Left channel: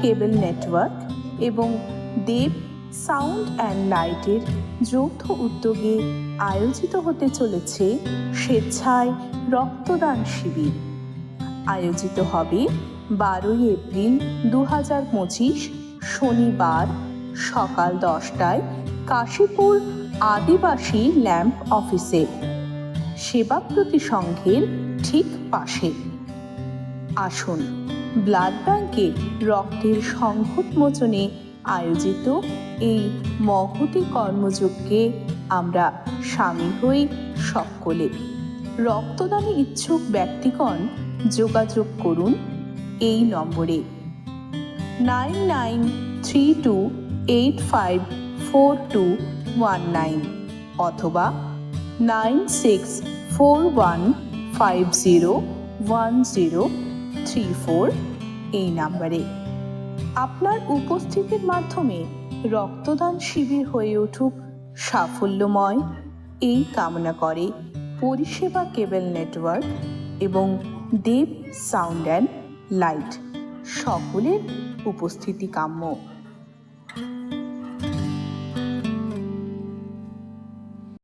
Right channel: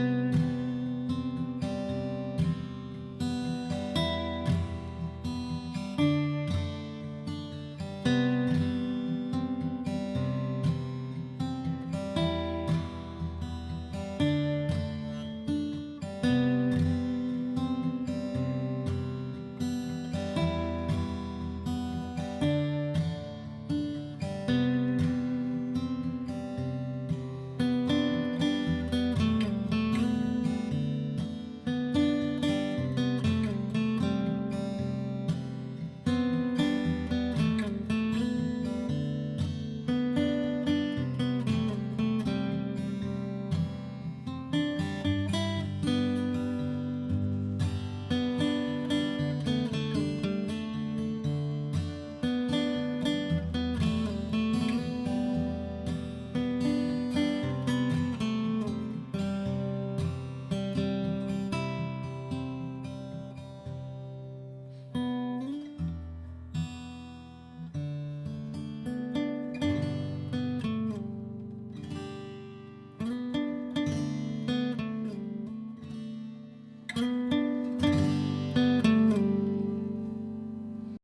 কেবল network এবং দেব sound and লাইটের যৌথ উদ্যোগে আয়োজিত হতে চলেছে স্বেচ্ছায় রক্তদান শিবির। আয়োজিত হবে 12 এপ্রিল 2025 শনিবার সকাল 10টায় কাশীপুর আদিবাসী ল্যাম্প অফিসে, সেবাব্রতী সংঘের ঠিক পাশে। আসুন ব্লাড ব্যাংকে রক্তের সংকটমোচনে আয়োজিত এই মহতী কর্মযজ্ঞে আমরা সামিল হই সকলে। রক্তদানে ইচ্ছুক ব্যক্তিগণ যোগাযোগ করুন এই নম্বরে 9932854219 অথবা 9641501034 এই নাম্বারে। আপনার উপস্থিতির মাধ্যমে রক্তদান শিবির হয়ে উঠুক সাফল্যময়, এই কামনা করে পরিষেবা কেবল নেটওয়ার্ক এবং দেব সাউন্ড অ্যান্ড লাইট। সকলের উপস্থিতি কাম্য।